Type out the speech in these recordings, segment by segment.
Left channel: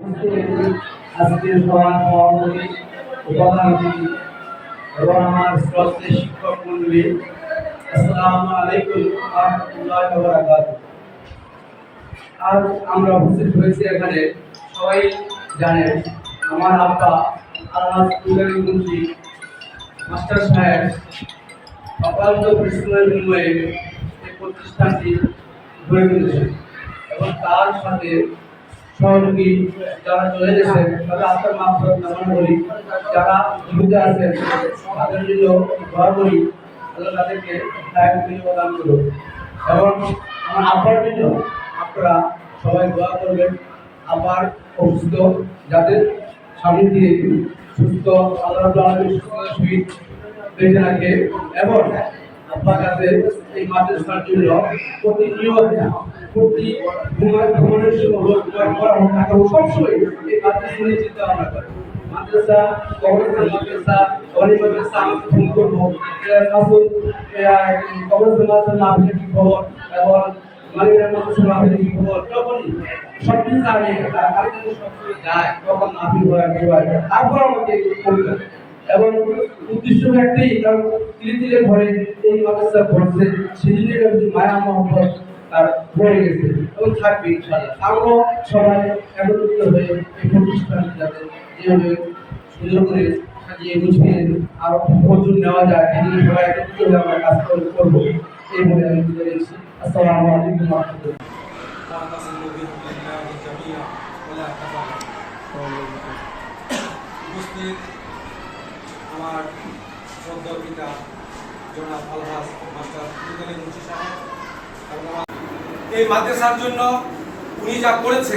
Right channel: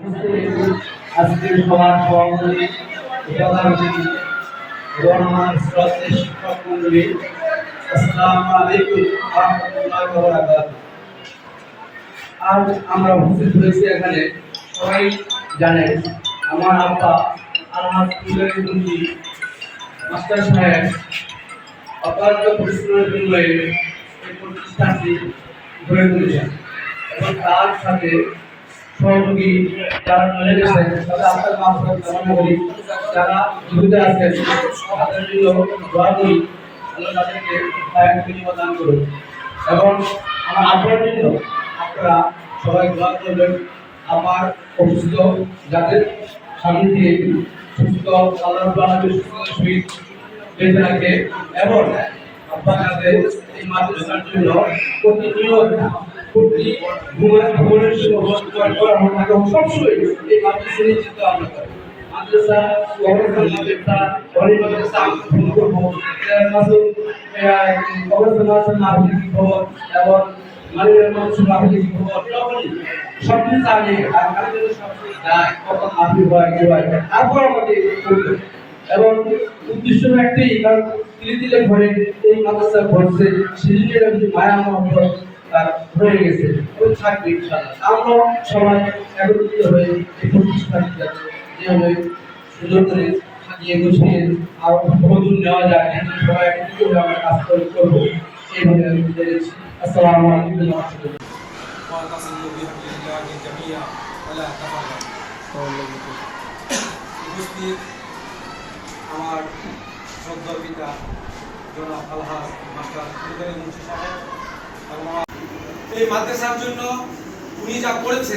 আজকের সভার সভাপতি প্রধান অতিথি এবং আমার শ্রদ্ধেয় শিক্ষক মন্ডলী, আসসালামু আলাইকুম ওয়া রাহমাতুল্লাহি ওয়া বারাকাতুহু। আজ আমরা উপস্থিত হয়েছি এখানে, সবাই জানেন আমার আব্বা আলহাজ মুন্সি মাস্টার সাহেব অক্লান্ত পরিশ্রমের বিনিময়ে এই প্রতিষ্ঠানটি গড়ে তুলেছেন এবং তার সাথে সহযোগী যারা চলে গেছেন তাদের আত্মার মাফরাত কামনা করি। যারা জীবিত আছেন তাদের জন্য দোয়া করি, আল্লাহ তাদেরকে হায়াত বিনিময় দান করুন। এবং আমার আব্বার জন্য আপনারা সবাই দোয়া করবেন, আবার অসুস্থ যাতে স্বামী দিয়ে সুস্থ আল্লাহ সহিত বেঁচে রাখে এবং আব্বা যাতে এই মাদ্রাসার জন্য প্রতিনিয়ত সবসময় এই মাদ্রাসা নিয়ে চিন্তা ভাবনা করে। মাদ্রাসা মাদ্রাসা আমি ফোন করবো কি খবর এবং মালিকের মানুষের মাহফিলে কি খবর, তখনই সব কিছু আগে আর কারোর জন্য সবসময় যায় কখন মাহফিল হয় কি হয়, তারপর আমাকে করতে এবং উদ্দেশ্য একটাই, কারণ ধীরে ধীরে ঘরে এই মাদ্রাসা ঘটছে সেদিনের মায়া মহব্বত তার হয়ে গেছে এবং থাকবে ইনশাআল্লাহ। আমরা সবাই একত্রিত হয়ে এই প্রতিষ্ঠান যাতে যেভাবে সুন্দর করে সাজিয়ে গুছিয়ে আরো নতুন নেওয়া যায় সেদিন সবাই একত্রিত হয়ে আমরা কাজ করবো এইভাবে আমি বুঝে গেছি। আসসালামু আলাইকুম ওয়া রাহমাতুল্লাহ। উপস্থিত আমার শ্রদ্ধেয় পিতা জনাব আলহাজ মাস্টার মুন্সি সাহেব এবং এই মাদ্রাসার জন্য উনি যা করেছে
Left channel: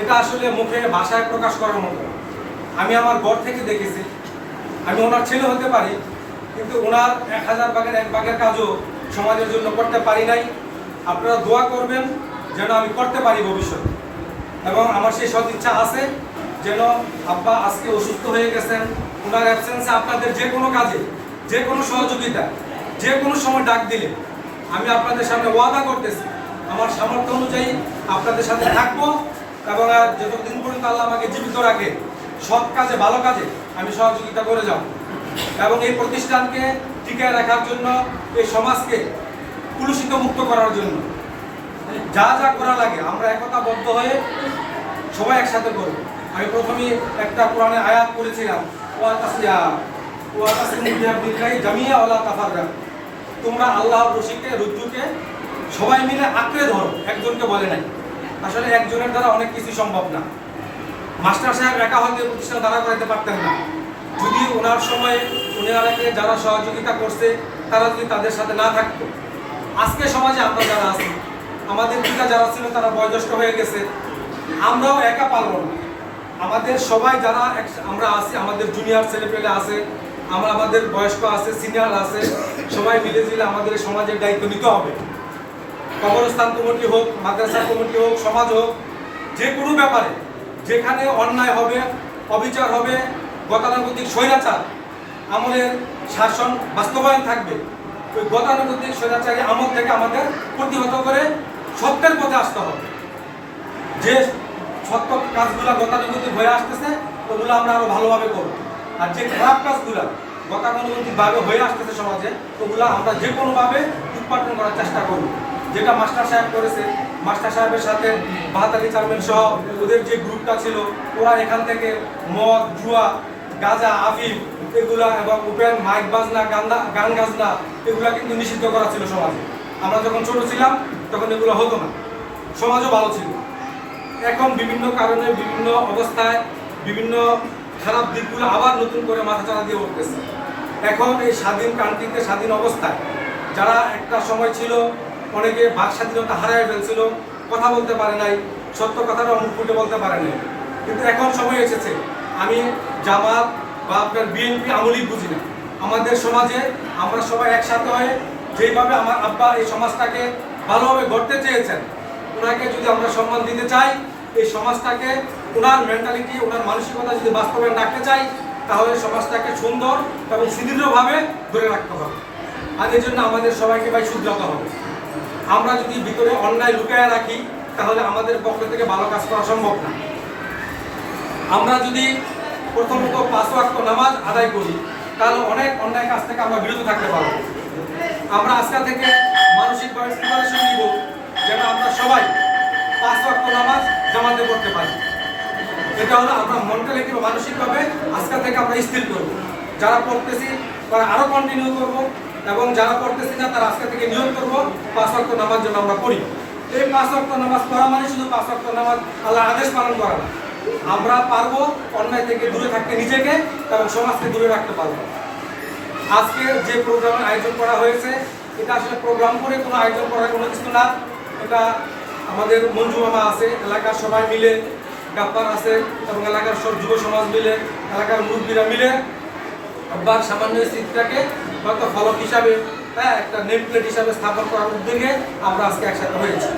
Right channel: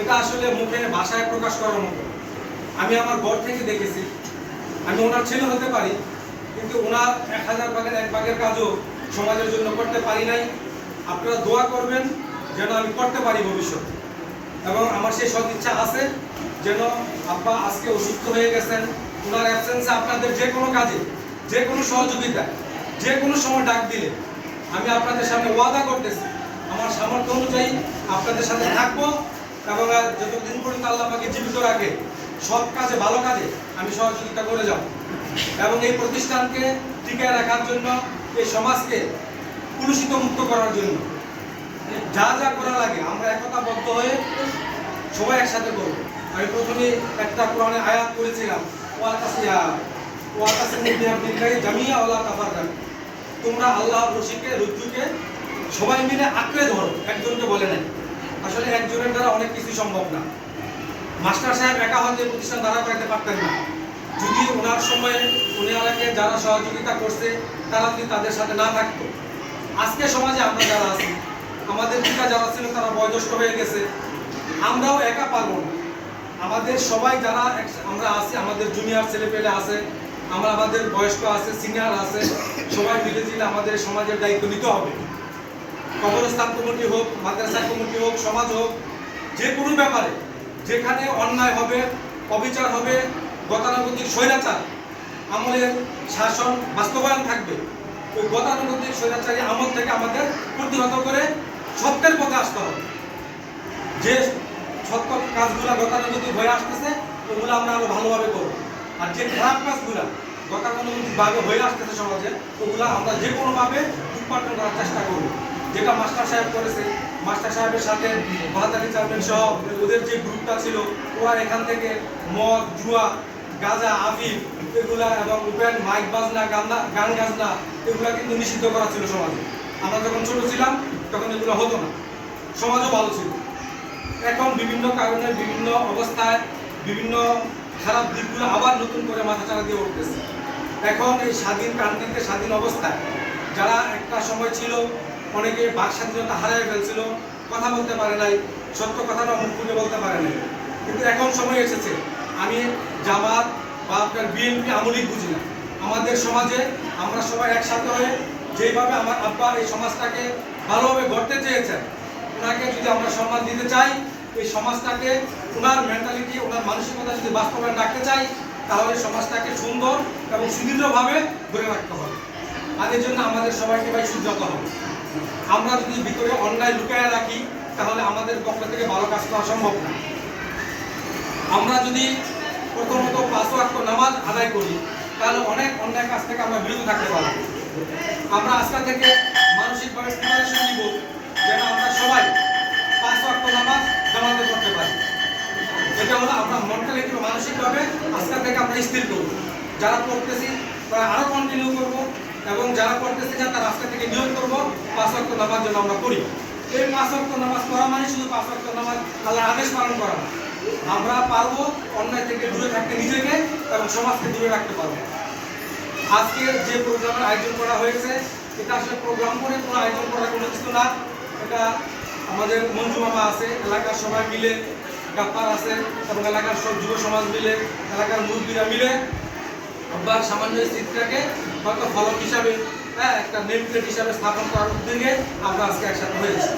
এটা আসলে মুখে ভাষায় প্রকাশ করার মতো। আমি আমার ঘর থেকে দেখেছি, আমি ওনার ছেলে হতে পারি কিন্তু ওনার 1000 ভাগের 1 ভাগের কাজও সমাজের জন্য করতে পারি নাই। আপনারা দোয়া করবেন যেন আমি করতে পারি ভবিষ্যতে, এবং আমার সেই সৎ ইচ্ছা আছে যেন আব্বা আজকে অসুস্থ হয়ে গেছেন, ওনার অ্যাবসেন্সে আপনাদের যে কোনো কাজে যে কোনো সহযোগিতা যে কোনো সময় ডাক দিলে আমি আপনাদের সামনে ওয়াদা করতেছি আমার সামর্থ্য অনুযায়ী আপনাদের সাথে থাকবো এবং যতদিন পর্যন্ত আল্লাহ আমাকে জীবিত রাখে সৎ কাজে ভালো কাজে আমি সহযোগিতা করে যাব এবং এই প্রতিষ্ঠানকে টিকিয়ে রাখার জন্য এই সমাজকে কুলুষিত মুক্ত করার জন্য যা যা করা লাগে আমরা একতাবদ্ধ হয়ে সবাই একসাথে করব। আমি প্রথমে একটা কোরআনের আয়াত করেছিলাম, তোমরা আল্লাহর রশিকে রজ্জুকে সবাই মিলে আঁকড়ে ধরো, একজনকে বলে নাই। আসলে একজনের দ্বারা অনেক কিছু সম্ভব না। মাস্টার সাহেব একা হয়তো প্রতিষ্ঠান দাঁড়া করাতে পারতেন না, যদি ওনার সময়ে ওনারাকে যারা সহযোগিতা করছে তারা যদি তাদের সাথে না থাকতো। আজকে সমাজে আমরা যারা আছি, আমাদের পিতা যারা ছিল তারা বয়োজ্যেষ্ঠ হয়ে গেছে, আমরাও একা পারবো না। আমাদের সবাই যারা আমরা আছি, আমাদের জুনিয়র ছেলেপেলে আছে, আমাদের বয়স্ক আছে, সিনিয়র আছে, সবাই মিলে জিলে আমাদের সমাজের দায়িত্ব নিতে হবে। কবরস্থান কমিটি হোক, মাদ্রাসা কমিটি হোক, সমাজ হোক, যে কোনো ব্যাপারে যেখানে অন্যায় হবে, অবিচার হবে, গতানুগতিক স্বৈরাচার আমলের শাসন বাস্তবায়ন থাকবে, ওই গতানুগতিক স্বৈরাচারী আমল থেকে আমাদের প্রতিহত করে সত্যের পথে আসতে হবে। যে সত্য কাজগুলো গতানুগতিক হয়ে আসতেছে ওগুলো আমরা আরো ভালোভাবে করবো, আর যে খারাপ কাজগুলো গতানুগতিকভাবে হয়ে আসতেছে সমাজে ওগুলো আমরা যে কোনোভাবে উৎপাদন করার চেষ্টা করব। যেটা মাস্টার সাহেব করেছে, মাস্টার সাহেবের সাথে বাহাতালি চেয়ারম্যান সহ ওদের যে গ্রুপটা ছিল ওরা এখান থেকে মদ, জুয়া, গাঁজা, আফিম এগুলা এবং ওপেন মাইক বাজনা, গান গাজনা এগুলা কিন্তু নিষিদ্ধ করা ছিল সমাজে। আমরা যখন ছোট ছিলাম তখন এগুলো হতো না, সমাজও ভালো ছিল। এখন বিভিন্ন কারণে বিভিন্ন অবস্থায় বিভিন্ন খারাপ দিকগুলো আবার নতুন করে মাথাচাড়া দিয়ে উঠতেছে। এখন এই স্বাধীন কান্ট্রিতে স্বাধীন অবস্থায় যারা একটা সময় ছিল অনেকে বাক স্বাধীনতা হারিয়ে ফেলছিল, কথা বলতে পারে নাই, সত্য কথাটা মুখ খুলে বলতে পারে নাই, কিন্তু এখন সময় এসেছে। আমি জামাত বা আপনার বিএনপি আমলিক বুঝি না, আমাদের সমাজে আমরা সবাই একসাথে হয়ে যেইভাবে আমার আব্বা এই সমাজটাকে ভালোভাবে গড়তে চেয়েছেন ওনাকে যদি আমরা সম্মান দিতে চাই, এই সমাজটাকে ওনার মেন্টালিটি ওনার মানসিকতা যদি বাস্তবায়ন রাখতে চাই তাহলে সমাজটাকে সুন্দর এবং সুদৃঢ়ভাবে ধরে রাখতে হবে। আর এর জন্য আমাদের সবাইকে ভাই শুধরাতে হবে। আমরা যদি ভিতরে অন্যায় লুকায় রাখি তাহলে আমাদের পক্ষ থেকে ভালো কাজ করা সম্ভব না। আমরা যদি প্রথমত 5 ওয়াক্ত নামাজ আদায় করি তাহলে অনেক অন্যায় কাজ থেকে আমরা বিরত থাকতে পারবো। আমরা আজকে থেকে মানসিকভাবে প্রিপারেশন নিব যেন আমরা সবাই 5 ওয়াক্ত নামাজ জামাতে পড়তে পারি। এটা হলো আমরা মেন্টালিটি বা মানসিকভাবে আজকে থেকে আমরা স্থির করব। যারা পড়তেছি তারা আরও কন্টিনিউ করব এবং যারা পড়তেছি না তারা আজকে থেকে নিয়ম করব 5 ওয়াক্ত নামাজ যেন আমরা পড়ি। এই 5 ওয়াক্ত নামাজ পড়া মানে শুধু 5 ওয়াক্ত নামাজ আল্লাহর আদেশ পালন করা না, আমরা পারবো অন্যায় থেকে দূরে থাকতে নিজেকে এবং সমাজকে দূরে রাখতে পারবো। আজকে যে প্রোগ্রামের আয়োজন করা হয়েছে এটা আসলে প্রোগ্রাম করে কোনো আয়োজন করার কোনো কিছু না। এটা আমাদের মঞ্জু মামা আছে, এলাকার সবাই মিলে, গাপ্পার আছে এবং এলাকার সব যুব সমাজ মিলে, এলাকার মুরব্বীরা মিলে আবার সামান্য স্মৃতিটাকে হয়তো ফলক হিসাবে, একটা নেম প্লেট হিসাবে স্থাপন করার উদ্যোগে আমরা আজকে একসাথে হয়েছি।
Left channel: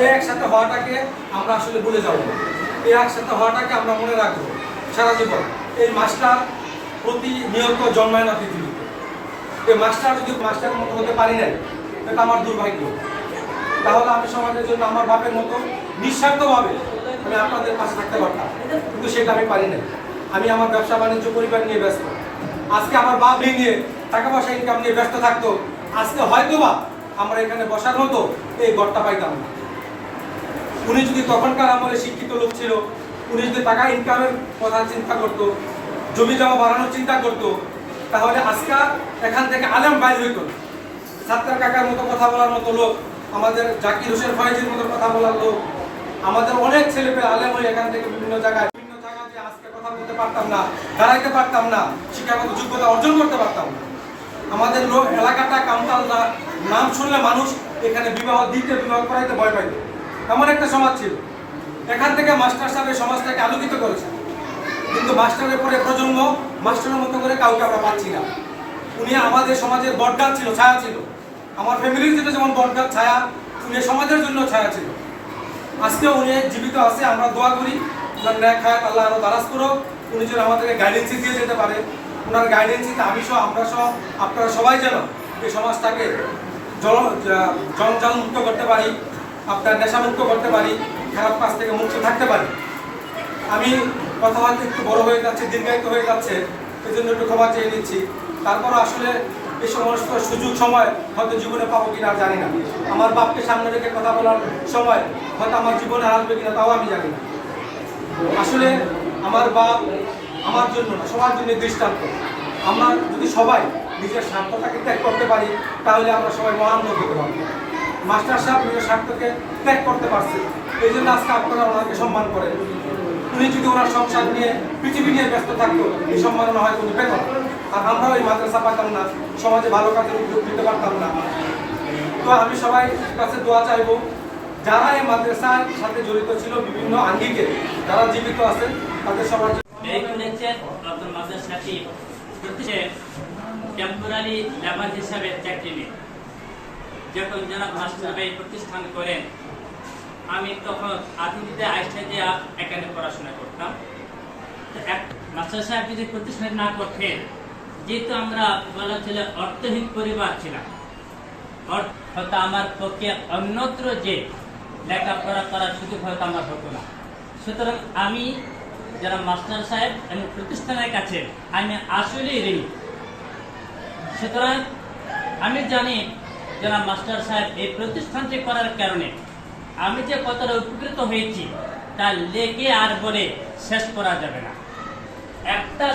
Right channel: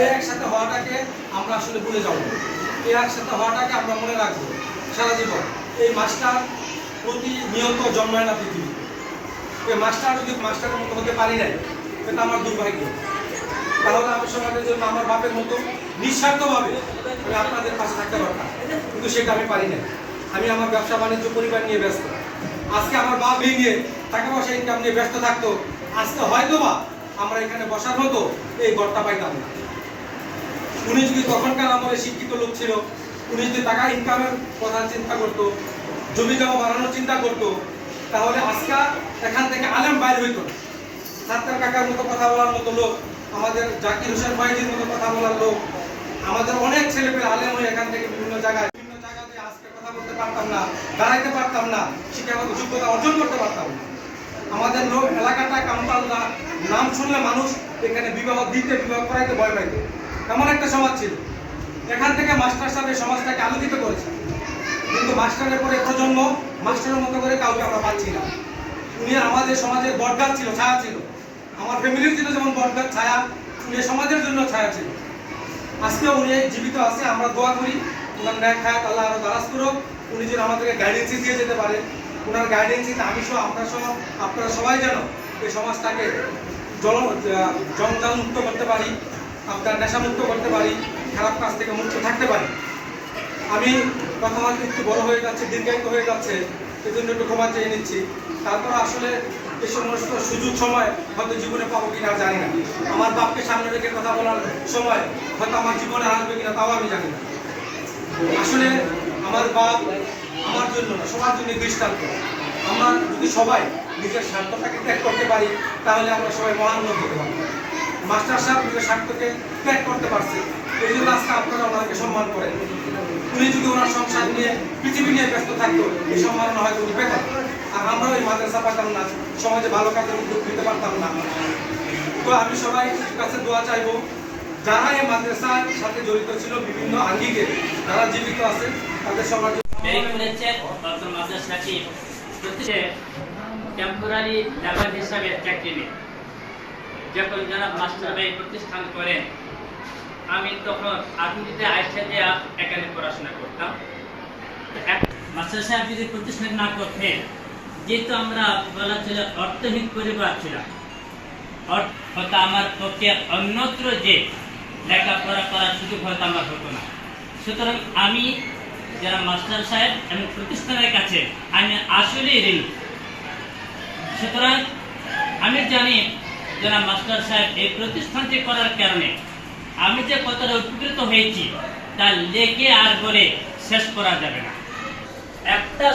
এই একসাথে হওয়াটাকে আমরা আসলে ভুলে যাব, এই একসাথে হওয়াটাকে আমরা মনে রাখবো সারা জীবন। এই মাস্টার প্রতিনিয়ত জন্মায় না পৃথিবীতে। এই মাস্টার যদি মাস্টারের মতো হতে পারি নাই এটা আমার দুর্ভাগ্য। তাহলে আমি সমাজের জন্য আমার বাপের মতো নিঃস্বার্থভাবে আমি আপনাদের পাশে থাকতে পারতাম, কিন্তু সেটা আমি পারি নাই। আমি আমার ব্যবসা বাণিজ্য পরিবার নিয়ে ব্যস্ত। আজকে আমার বাপ নিয়ে টাকা পয়সা ইনকাম নিয়ে ব্যস্ত থাকতো, আজকে হয়তোবা আমরা এখানে বসার মতো এই ঘরটা পাইতাম না। উনি যদি তখনকার আমলে শিক্ষিত লোক ছিল, উনি যদি টাকা ইনকামের কথা চিন্তা করতো, জমি জমা বাড়ানোর চিন্তা করতো, তাহলে আজকে এখান থেকে আলেম বাইর হইত না। সাত্তার কাকার মতো কথা বলার মতো লোক, আমাদের জাকির হোসেন ফয়েজের মতো কথা বলার লোক, আমাদের অনেক ছেলেপেলে আলেম হয়ে এখান থেকে বিভিন্ন জায়গায় আজকে কথা বলতে পারতাম না, দাঁড়াইতে পারতাম না, শিক্ষাগত যোগ্যতা অর্জন করতে পারতাম না। আমাদের লোক এলাকাটা কামতালরা নাম শুনলে মানুষ এখানে বিবাহ দিতে, বিবাহ করাইতে ভয় পাইত, এমন একটা সমাজ ছিল। এখান থেকে মাস্টার সাহেব এই সমাজটাকে আলোকিত করেছে, কিন্তু মাস্টারের পরে প্রজন্ম মাস্টারের মতো করে কাউকে আমরা পাচ্ছি না। উনি আমাদের সমাজের বটগাছ ছিল, ছায়া ছিল। আমার ফ্যামিলির ছিল যেমন বটগাছ ছায়া, উনি সমাজের জন্য ছায়া ছিল। আজকে উনি জীবিত আছে, আমরা দোয়া করি ওনার ন্যাক হায়াত আল্লাহ আরো দারাজ করুক, উনি যেন আমাদেরকে গাইডেন্সি দিয়ে যেতে পারে। ওনার গাইডেন্সিতে আমি সহ, আমরা সহ, আপনারা সবাই যেন এই সমাজটাকে জঞ্জাল মুক্ত করতে পারি, আপনার নেশামুক্ত করতে পারি, খারাপ কাজ থেকে মুক্ত থাকতে পারি। আমি কথাবার্তা একটু বড় হয়ে যাচ্ছে, দীর্ঘায়িত হয়ে যাচ্ছে, এই জন্য একটু ক্ষমা চেয়ে নিচ্ছি। তারপর আসলে এই সমস্ত সুযোগ সময় হয়তো জীবনে পাবো কিনা জানি না। আমার বাপকে সামনে রেখে কথা বলার সময় হয়তো আমার জীবনে আসবে কিনা তাও আমি জানি না। আসলে আমার বাপ আমার জন্য না, সবার জন্য দৃষ্টান্ত। আমরা যদি সবাই নিজের স্বার্থটাকে ত্যাগ করতে পারি তাহলে আমরা সবাই মহান লোক হতে পারবো। মাস্টার সাহেব নিজের স্বার্থকে ত্যাগ করতে পারছে, এই জন্য আজকে আপনারা ওনাকে সম্মান করেন। উনি যদি ওনার সংসার নিয়ে, পৃথিবী নিয়ে ব্যস্ত থাকতো, এই সম্মাননা হয়তো উনি পেতেন। আর আমরা ওই মাদ্রাসা পারতাম না, সমাজে ভালো কাজের উদ্যোগ নিতে পারতাম না। তো আমি সবাই কাছে দোয়া চাইবো, যারা এই মাদ্রাসার সাথে জড়িত ছিল বিভিন্ন আঙ্গিকে, যারা জীবিত আছে তাদের সবার টেম্পোরারি লেবার হিসাবে চাকরি নেই। যখন জনাব মাস্টার ভাই প্রতিষ্ঠান করেন, আমি তখন আধুনিকতে আইসা দিয়ে এখানে পড়াশোনা করতাম। মাস্টার সাহেব যদি প্রতিষ্ঠান না করতেন, যেহেতু আমরা বলা ছিল অর্থহীন পরিবার ছিলাম, হয়তো আমার পক্ষে অন্যত্র যে লেখাপড়া করার সুযোগ হয়তো আমার হতো না। সুতরাং আমি যারা মাস্টার সাহেব এবং প্রতিষ্ঠানের কাছে আমি আসলেই ঋণী। সুতরাং আমি জানি যারা মাস্টার সাহেব এই প্রতিষ্ঠানটি করার কারণে আমি যে কতটা উপকৃত হয়েছি তা লেগে আর বলে শেষ করা যাবে না। একটা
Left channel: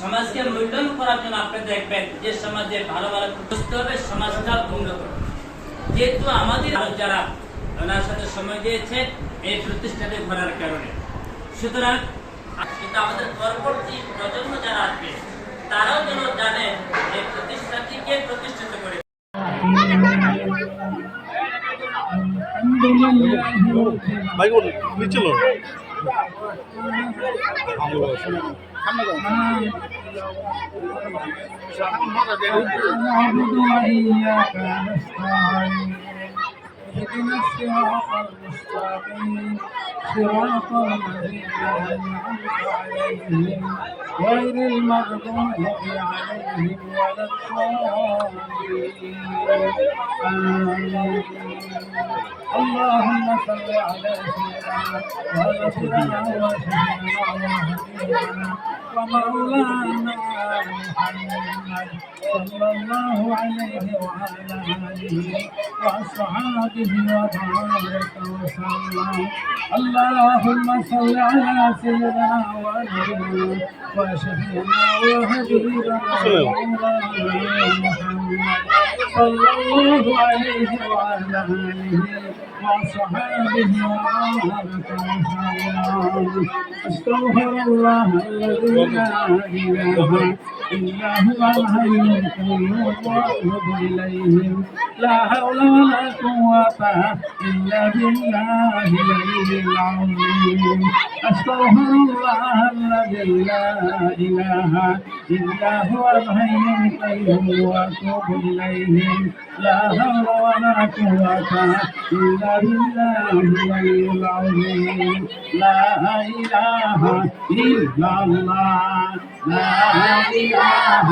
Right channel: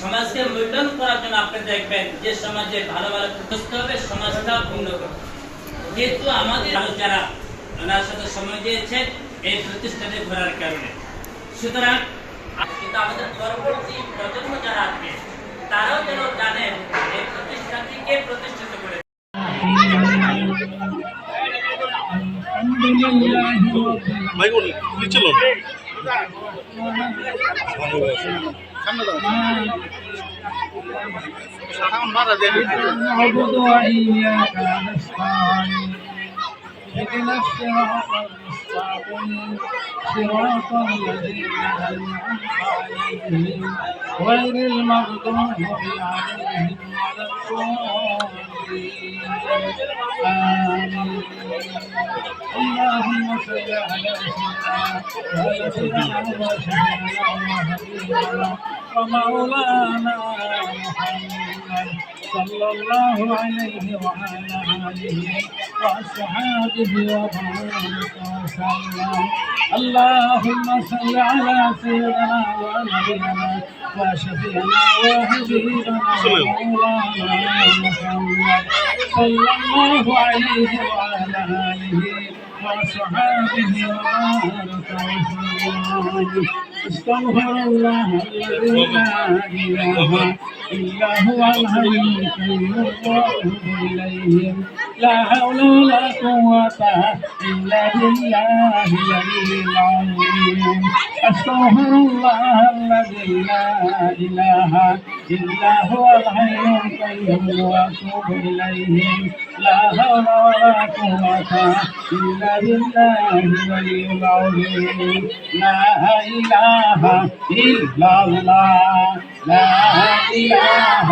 সমাজকে মূল্যায়ন করার জন্য আপনি দেখবেন যে সমাজে ভালো ভালো বুঝতে হবে, সমাজটা উন্নত। যেহেতু আমাদের যারা ওনার সাথে সময় দিয়েছে এই প্রতিষ্ঠানে ঘোরার কারণে, সুতরাং কিন্তু আমাদের পরবর্তী প্রজন্ম যারা আসবে তারাও যেন জানেন এই প্রতিষ্ঠানটি কে প্রতিষ্ঠিত করে। ভাই বলুন কি ছিল اهدنا الصراط المستقيم صراط الذين أنعمت عليهم غير المغضوب عليهم ولا الضالين آمين. اللهم صل على سيدنا ونبينا وشفيعنا وحبيبنا ومولانا محمد صلى الله عليه وعلى آله وأصحابه وبارك وسلم. اللهم صل على سيدنا ونبينا وشفيعنا وحبيبنا ومولانا محمد صلى الله عليه وعلى آله وصحابه وبارك وسلم. استغفر الله الذي لا إله إلا هو الحي القيوم وأتوب إليه. لا حول ولا قوة إلا بالله العلي العظيم. استغفر الله الذي لا إله إلا هو الحي القيوم وأتوب إليه. لا حول ولا قوة إلا بالله العلي العظيم. لا إله إلا الله لا إله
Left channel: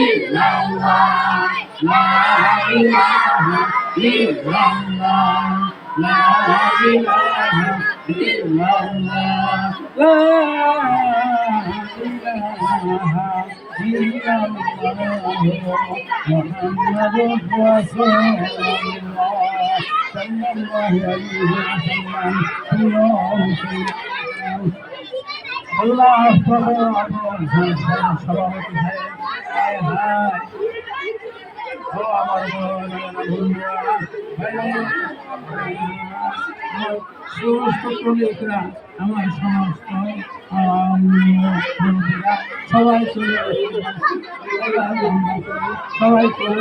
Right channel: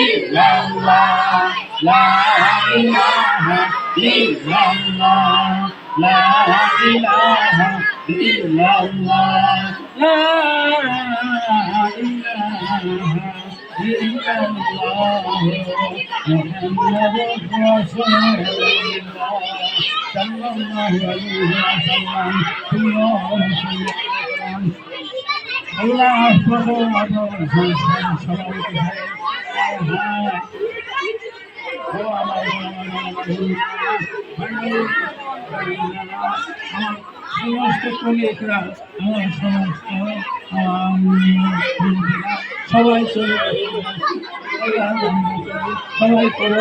إلا الله لا إله إلا الله لا إله إلا الله لا إله إلا الله محمد رسول الله صلى الله عليه وسلم. يا رسول الله আমার সমস্ত কলিগরা আমার সমস্ত বন্ধুরা সবাই চলে সবাই করে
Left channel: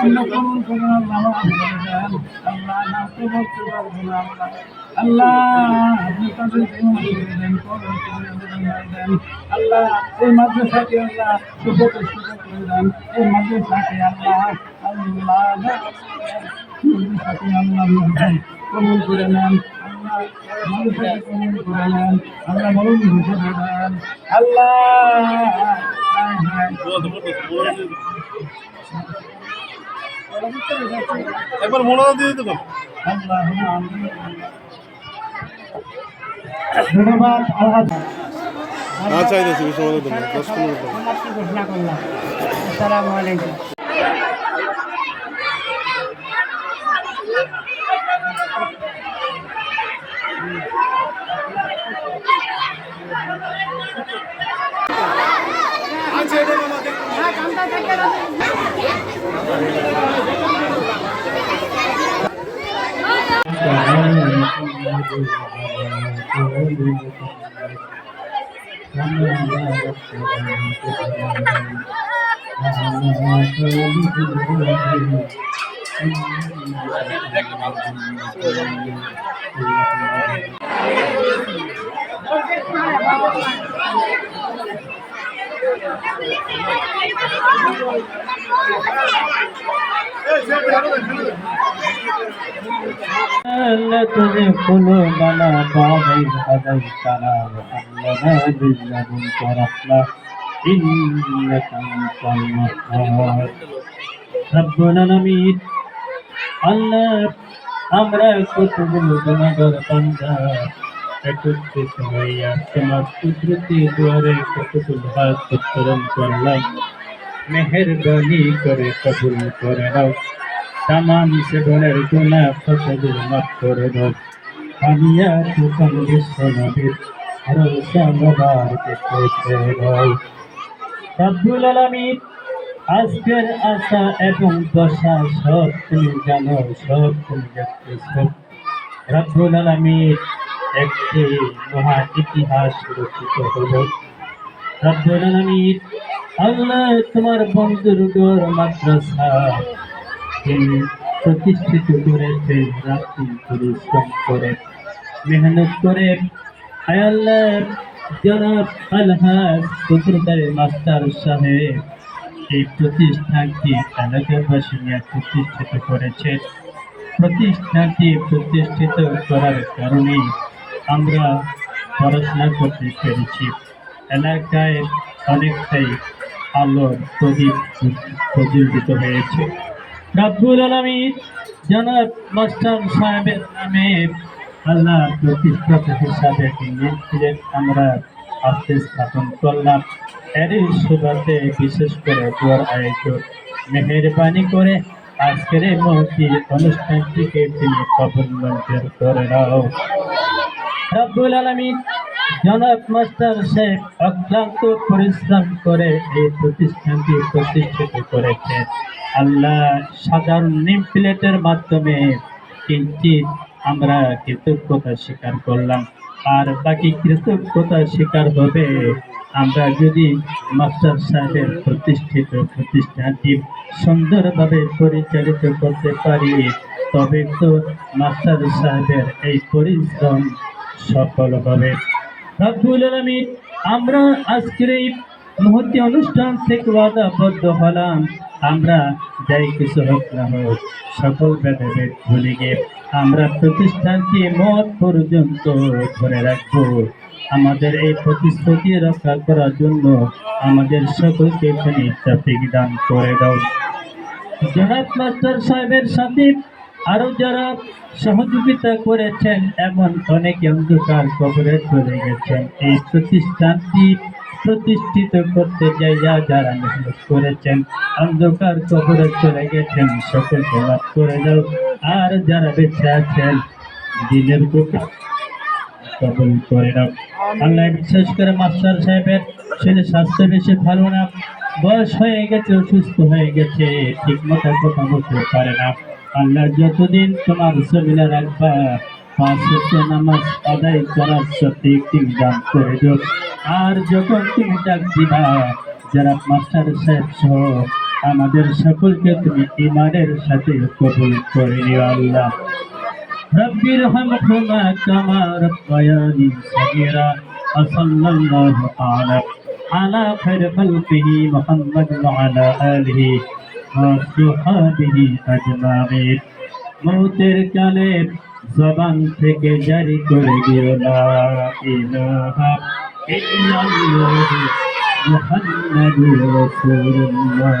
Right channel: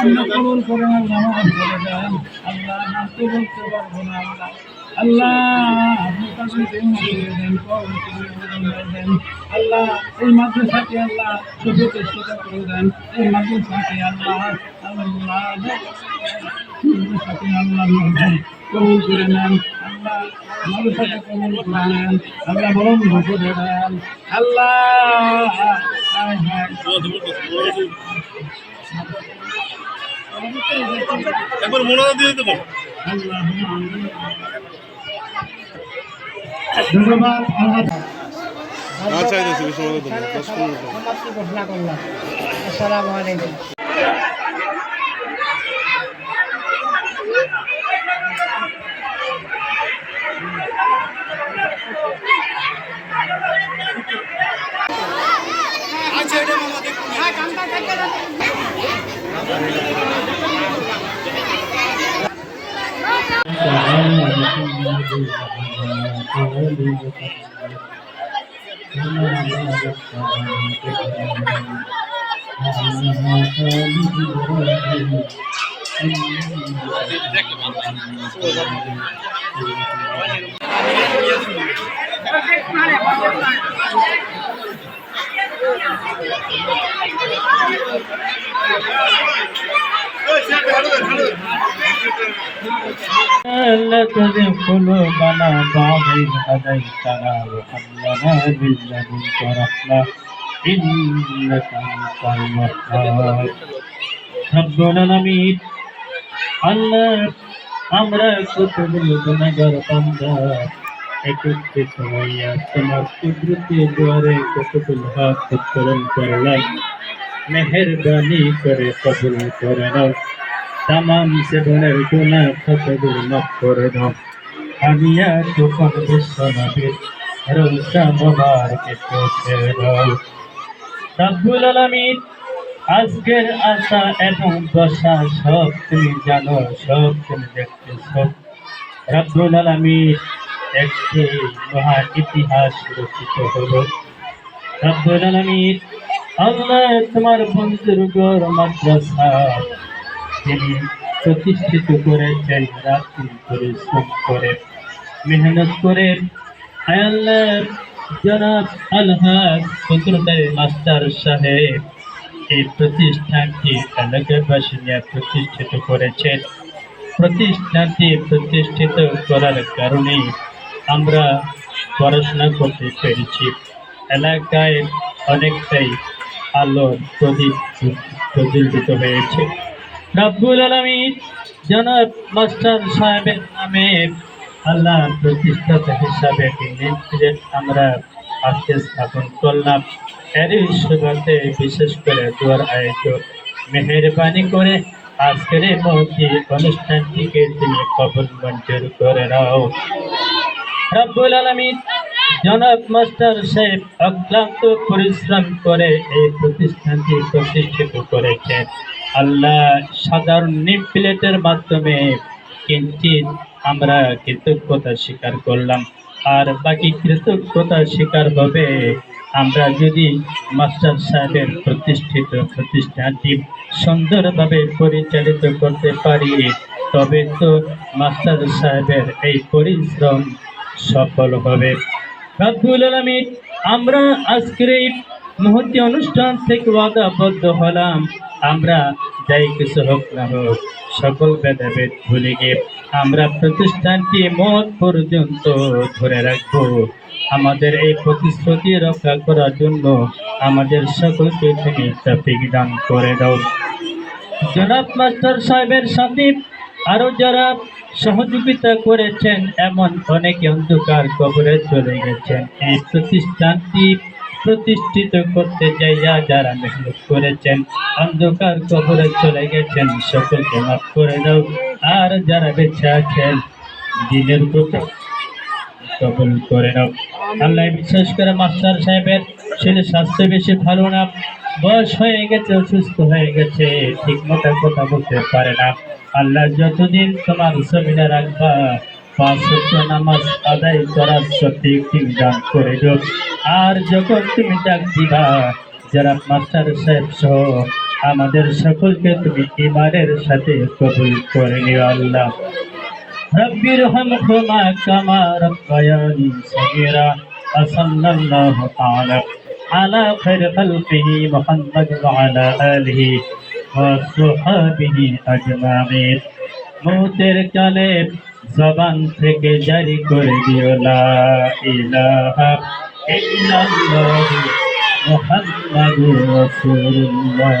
আল্লাহ কবুল করেন। আল্লাহ নামাজ পড়ে দেন। আল্লাহ নামতে বলতে পারবো না। আল্লাহ আপনি তাদের জীবন করে দেন, দেন আল্লাহ। এই মাদ্রাসাকে আল্লাহ সুপ্রতিষ্ঠিত করে দেন। এই মাদ্রাসাকে আল্লাহ আল্লাহ মাদ্রাসাকে আল্লাহ কবুল করে নেন। আল্লাহ মাদ্রাসাকে কবুল করে নেন। আল্লাহ বরং করে দেন। আল্লাহ একবার মোনাজা দিয়ে দিতে পারো। আল্লাহ ধন্যবাদ। আচ্ছা আইতেছি সময় দেবো 10 মিনিট ঘোষণা করলাম। আসসালামু আলাইকুম। لا تزغ قلوبنا بعد إذ هديتنا وهب لنا من لدنك رحمة إنك أنت الوهاب ربنا العالمين আল্লাহ আমরা কতগুলো গুনাহগার বান্দা একত্রিত হইয়া তোমার কুদরতি দুয়ারে কতগুলো হাত উত্তোলন করলাম। মেহেরবানি করে কবুল করে নাও। তামাম জীবনের গুনাহ কতগুলো মাফ করে দাও। আমিয়া তুফান বিশ্ব নবীর রওজা মুবারকে পৌঁছে দাও। রব্বুল আলামিন আজকের আশা এবং দশা সব তুমি জানো, সব তুমি দেখতেছ। রব্বুল আলামিন একটি মহা ইতিহাস রচিত হলো। রব্বুল আলামিন আল্লাহ তোমার বন্ধুর ঘর মাদ্রাসা তিনি প্রতিষ্ঠিত করেছেন রাত্রি পরিশ্রম করে মেহনত করে। আল্লাহ জনাব আলহাজ সেক্রেটারি মাস্টার সাহেব এই প্রতিষ্ঠানটি এলাকাবাসী নিয়ে প্রতিষ্ঠিত করেছেন। প্রতিষ্ঠানটি প্রতিষ্ঠিত করার কারণে আমরা পড়াশোনা করতে পেরেছি। এলাকায় অনেকটাই আলোর প্রদীপ প্রজ্বলিত হয়েছে। রব্বুল আলামিন জনাব মাস্টার সাহেবের নামে আল্লাহ প্রতিষ্ঠাতা হিসাবে একটি নেম প্লেট আমরা আজকে স্থাপন করলাম। এরই সুবাদে বিশেষ করে দোয়ার আয়োজন মেহেরবানি করে আজকের এই মহতি অনুষ্ঠানটিকে তিনি কবুল মঞ্জুর করে নাও। রব্বুল আলামিন জনাব মাস্টার সাহেব অক্লান্ত পরিশ্রম করে এই প্রতিষ্ঠানটি প্রতিষ্ঠিত করেছেন। আল্লাহ সাধারণ নেম প্লেটের মাধ্যমে কিঞ্চিত আমরা কৃতজ্ঞতা স্বীকার করলাম, আর বাকি কৃতজ্ঞতা স্বীকার হবে আমরা যদি মাস্টার সাহেবের প্রতিষ্ঠিত প্রতিষ্ঠানটি সুন্দরভাবে পরিচালিত করতে পারি, তবে তো মাস্টার সাহেবের এই পরিশ্রম সফল হবে। রব্বুল আলামিন আমরা আজকের এই মুহূর্তে অনুষ্ঠান থেকে ওয়াদাবদ্ধ হলাম, আমরা যাই কিছু হোক না হোক সকল ভেদাভেদ ভুলে গিয়ে আমরা প্রতিষ্ঠানটি মত পর্যন্ত ধরে রাখবো। আমাদের এই প্রতিশ্রুতি রক্ষা করার জন্য আমাদের সকলকে তুমি তৌফিক দান করে দাও। জনাব মাস্টার সাহেবের সাথে আরো যারা সহযোগিতা করেছেন, এমন অনেকে অন্ধকার কবরে চলে গেছেন। এই প্রতিষ্ঠানটি প্রতিষ্ঠিত করতে যাইয়া যারা মেহনত করেছেন, অন্ধকার কবরে চলে গেছেন, সকলকে মাফ করে দাও। আর যারা বেঁচে আছেন দিনের প্রতি কবুল করে নাও। আল্লাহ বিশেষ করে মাস্টার সাহেবের ছেলে স্বাস্থ্য বেশি ভালো না, বয়স হয়ে গেছে, অসুস্থ হয়ে গেছে, ঠিক মতো কথা বলতে পারে না। আল্লাহ যতদিন তোমার জমিনে রাখবা 5 ওয়াক্ত নামাজ আদায় করার সঠিক দান করে দিও। আর যখন তুমি ডাক দিবা যারা মাস্টার সাহেব সহ আমাদের সকলকে তুমি ঈমানের সাথে কবুল করে নিও। আল্লাহ رب ارحمهما كما ربياني صغيرا وصلى الله تعالى على خير خلقه محمد وعلى آله وصحبه أجمعين। মৌতের কালে জবান থেকে জারি করে দিও লা ইলাহা ইল্লাল্লাহু মুহাম্মাদুর রাসূলুল্লাহ।